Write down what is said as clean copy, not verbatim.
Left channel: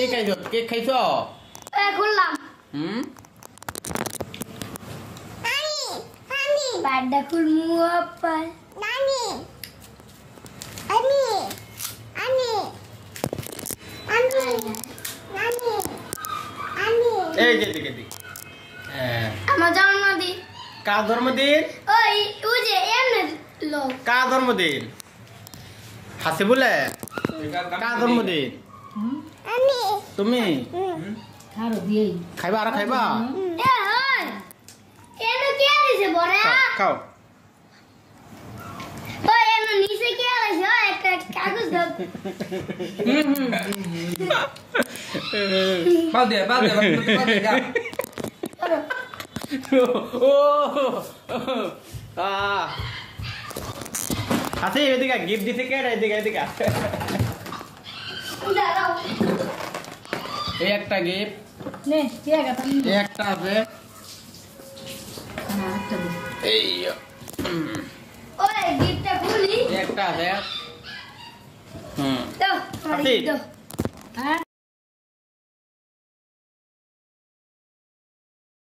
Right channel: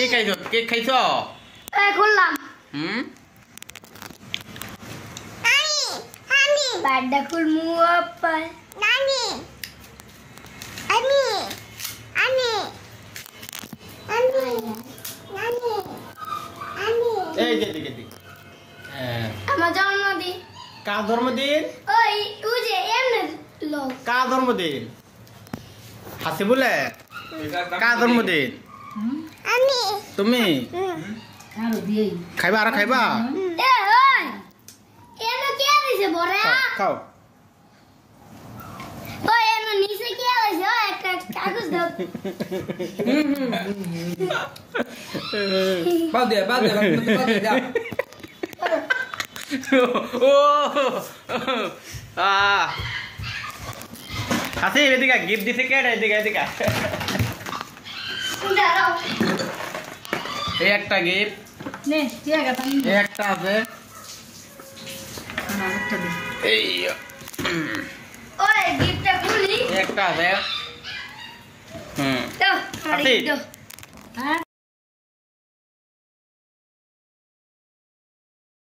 কে খাইছো? কেক খাইছো? খুললাম। বাড়িটা খুলমু আপা। এই যে দিকে দিকে। আমার জন্মদিন। কার জন্মদিন? ওই যে এমনে লোক। কার জন্মদিন? হাসি বলে কার জন্মদিন? তুমি খাইবা? আর খাইবা? খাও। নিচে কি আছে? একটা কাগজ দাও। হাসি এদিকে গিফট দিতে কে? এদিকে এই একটা গিফট এই একটা আছে এই ওই গিফটটা খুলি একটা আছে দাও হাসি দাও।